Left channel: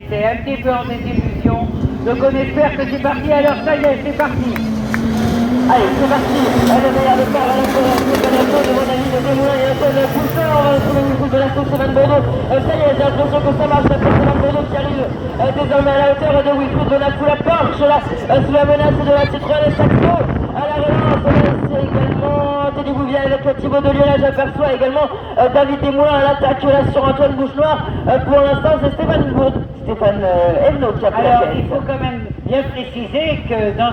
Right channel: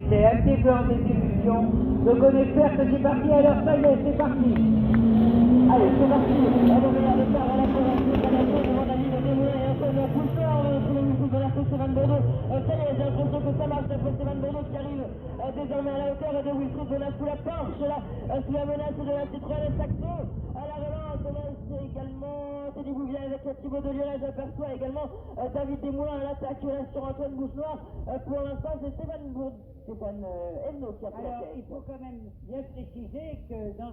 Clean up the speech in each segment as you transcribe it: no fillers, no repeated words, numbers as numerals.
C'est un petit peu en désillusion, donc on espère que c'est parti. Alors ça y est, c'est parti. Allez, c'est parti. Le meilleur départ à la course, c'est Benetton devant David Desmoulins et Antoine Poussin. On va retrouver le coup de la course Van Bordeaux. Ça y est, j'ai l'impression que ça marche. La course Van Bordeaux qui arrive désormais à la hauteur de Wilfried Bonnat sous la Porsche, là, sous la menace de la Citroën et Saxo. À la relance, c'est également Teddy Bouvier avec Thibaut Delionnet. J'aperçois également David Desmoulins à l'attaque là sur Antoine Bouchenoir. Pour l'instant, c'est Stéphane Evenot qui a pris la Alors tête. il faut quand même bien préciser que dans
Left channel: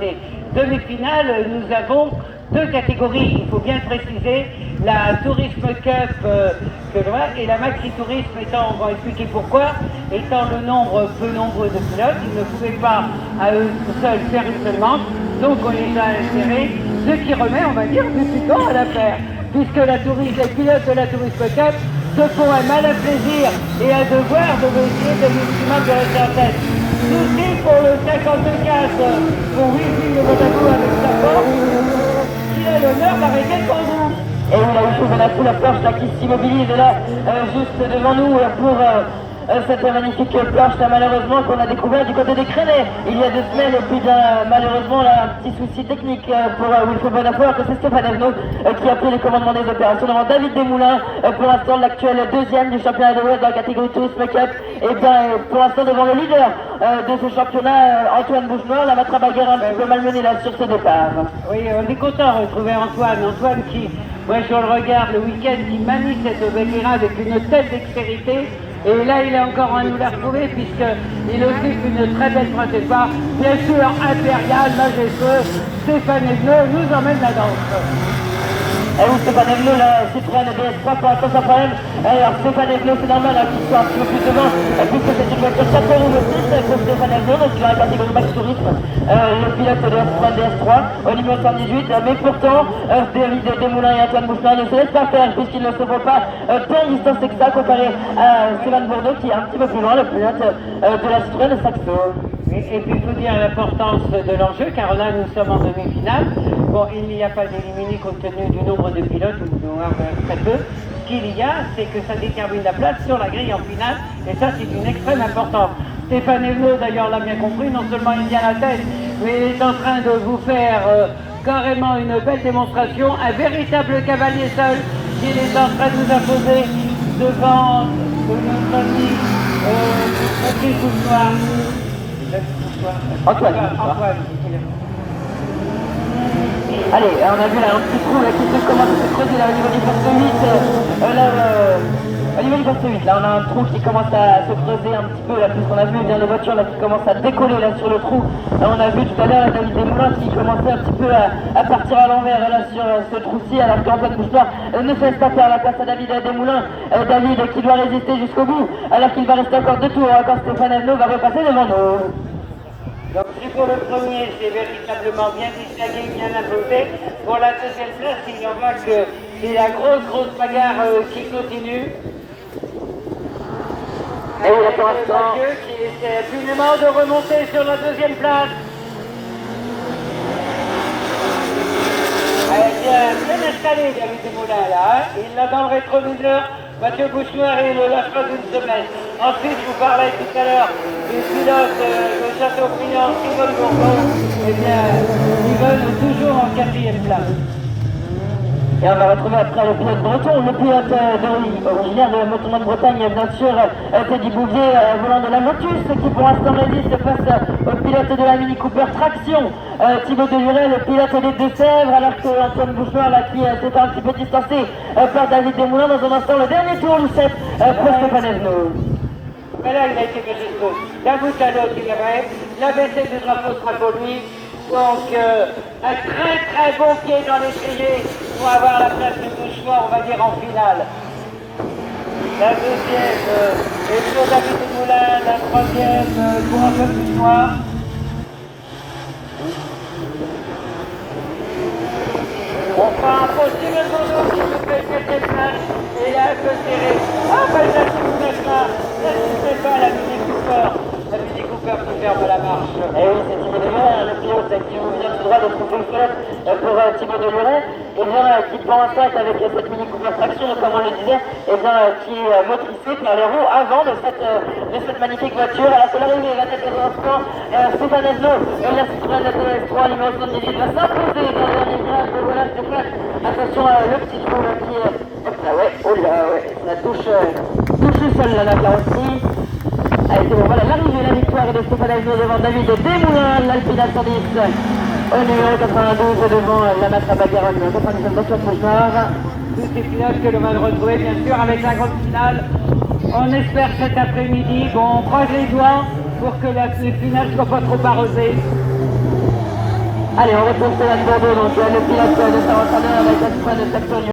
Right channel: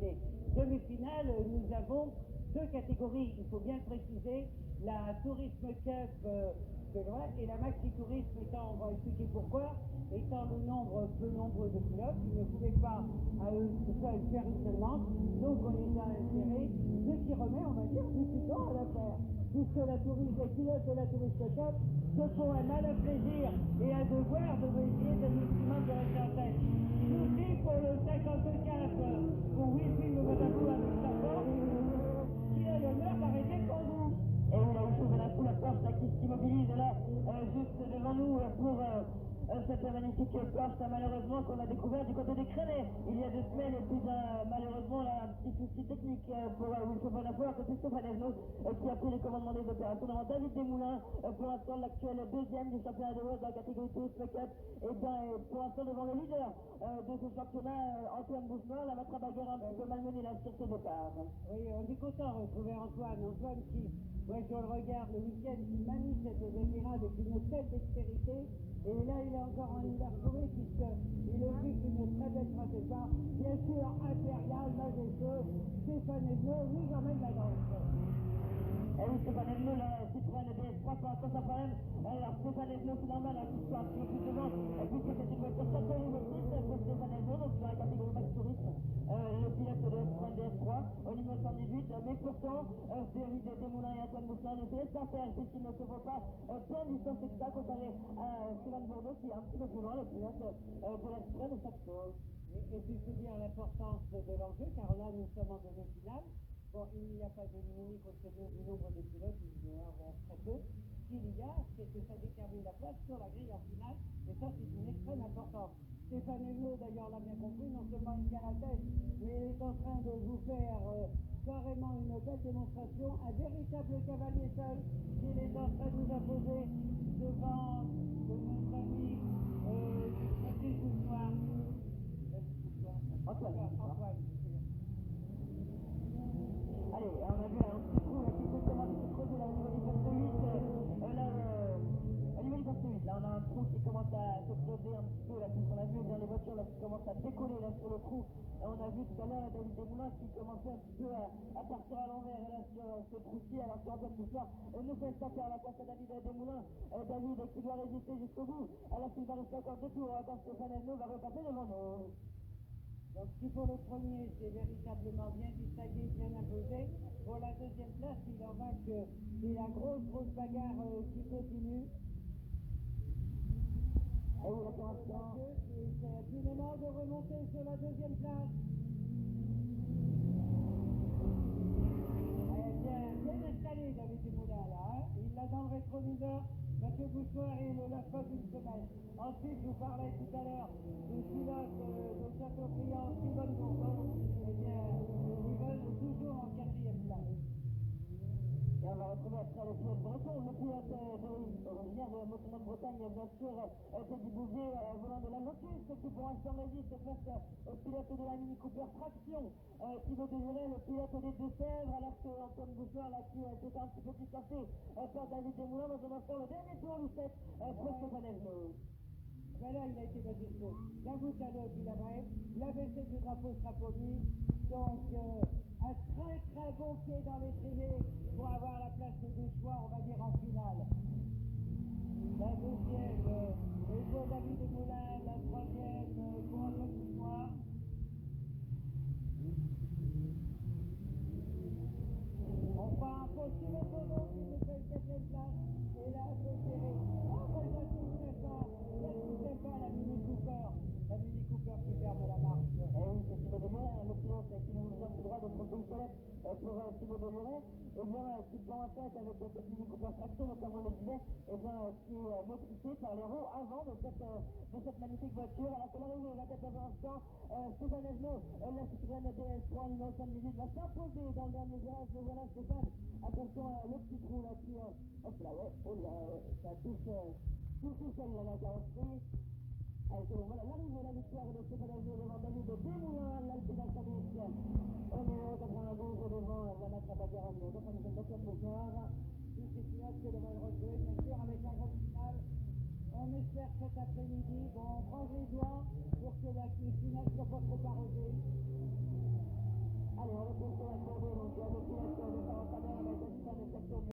ces demi-finales, nous avons deux catégories. Il faut bien préciser la Tourisme Cup et la Maxi Tourisme étant, on va expliquer pourquoi, étant le nombre peu nombreux de pilotes, ils ne pouvaient pas à eux seuls faire une seule manche, donc on les a insérés, ce qui remet, on va dire, du piquant à l'affaire, puisque les pilotes de la Tourisme Cup se font un malin plaisir et un devoir de essayer de maximum de rester en tête. Souci pour le 54 pour Wilfried Bonnat avec sa force, il a l'honneur d'arrêter le combat. Et oui, là, il faut la sous la Porsche là, qui s'immobilise là, juste devant nous pour cette magnifique Porsche là, malheureusement qu'on a découvert du côté des Crénets il y a 2 semaines. Et puis malheureusement là, un petit souci technique pour Wilfried Bonnat, que c'est Stéphane Evenot qui a pris les commandements des opérations devant David Desmoulins, pour l'instant l'actuel deuxième du championnat de l'Ouest dans la catégorie Tourisme Cup. Et bien pour l'instant devant le leader de ce championnat, Antoine Bouchenoir, la matrabaguère un petit peu malmenée là sur ce départ. Oui, on est content de retrouver Antoine qui, moi je le regarde le week-end, qui manie cette Béguera avec une telle dextérité. Et là, il est encore à nous la retrouver puisqu'il occupe une très belle trajectoire. Bien sûr, impérial, majestueux, Stéphane Evenot nous emmène la danse. Et oui, Stéphane Evenot, la Citroën DS3 pour l'instant sans problème. Alors Stéphane Evenot, c'est normal qu'il soit un petit peu plus devant, puisque c'est une voiture 4 roues aussi pour Stéphane Evenot, donc dans la catégorie Max Tourisme, le pilote de la Citroën DS3 au numéro 118. Mais pourtant, David Desmoulins et Antoine Bouchenoir ne se laissent pas faire, puisqu'ils ne se font pas tant de distance que ça comparé à Stéphane Bordeaux qui est un petit peu plus loin, le pilote de la Citroën Saxo. Et puis il faut dire l'importance de l'enjeu, car là nous sommes en demi-finale. Bon, il n'y a pas d'éliminé compte tenu du nombre de pilotes, ou très peu. Ce qu'il y a, c'est que ça détermine la place sur la grille en finale, et ça c'est une extrême importance. Stéphane Evenot d'ailleurs l'a bien compris, non seulement il vient à la tête, mais il est en train de vous faire carrément une belle démonstration, un véritable cavalier seul qu'il est en train de nous imposer devant notre ami Patrick Bouchenoir. Antoine. Allez, on a vu là un petit trou là, qui commence à se creuser là, au niveau du poste 8. Au niveau du poste 8, là on a un trou qui commence à se creuser un petit peu là, puisqu'on a vu bien les voitures là qui commencent à décoller là sur le trou. Là, on a vu tout à l'heure David Desmoulins qui commençait un petit peu à partir à l'envers là sur ce trou-ci, alors qu'Antoine Bouchenoir ne cesse pas faire la place à David Desmoulins. David qui doit résister jusqu'au bout, alors qu'il va rester encore 2 tours, quand Stéphane Evenot va repasser devant nous. Donc si pour le premier, c'est véritablement bien distingué, bien imposé. Pour la deuxième place, il y en va que c'est la grosse bagarre qui continue. Et oui, là pour l'instant. Qui essaie absolument de remonter sur la deuxième place. Bien installé David Desmoulins là, hein. Il l'a dans le rétroviseur. Mathieu Bouchenoir et le lâche pas d'une semaine. Ensuite, je vous parlais tout à l'heure des pilotes de Châteaubriand, Yvonne Bourgogne. Eh bien, ils veulent toujours en 4e place. Et on va retrouver après le pilote breton, le pilote originaire de Motonon de Bretagne, bien sûr, Teddy Bouvier, volant de la Lotus, qui pour l'instant résiste face au pilote de la Mini Cooper Traction, Thibaut Delionnet, le pilote des Deux-Sèvres, alors que Antoine Bouchenoir, là, qui s'était un petit peu distancé par David Desmoulins. Dans un instant, le dernier tour du set pour Stéphane Evenot. Mais là, il a été majestueux. D'un bout à l'autre, il y avait la baissée du drapeau sera pour lui. Donc, un très bon pied dans l'étrier pour avoir la place de Bouchenoir, on va dire, en finale. La deuxième est pour David Desmoulins, la troisième pour Antoine Bouchenoir. On fera un faux Steven Bordeaux qui se fait quelques places et là, un peu serré. Ah, ben, n'assistez pas la Mini Cooper qui ferme la marche. Et oui, c'est Thibaut Deluret, le pilote qui vient tout droit de trouver le pilote pour Thibaut Deluret, et bien qui pense avec cette Mini Cooper traction, comme on le disait, et bien qui est motricée par les roues avant de cette magnifique voiture. Alors c'est l'arrivée, va être dans l'instant, Stéphane Esno, la Citroën DS3 numéro 78 va s'imposer dans le dernier virage. Voilà Stéphane, attention le petit trou là qui est... Hop là, ouais, oh là, ouais, ça touche le sol là, la carrosserie. Allez, c'est bon, voilà l'arrivée, la victoire de Stéphane Esno devant David Desmoulins, l'Alpina 110 au numéro 92 devant la Matra Bagarone 99 dans le noir. Tous ces pilotes que l'on va retrouver bien sûr avec la grande finale. On espère cet après-midi, bon, on croise les doigts pour que la finale ne soit pas trop arrosée. Allez, on retrouve Stéphane Bordeaux, donc le pilote de Saint-Antoine avec la Citroën de Saxon.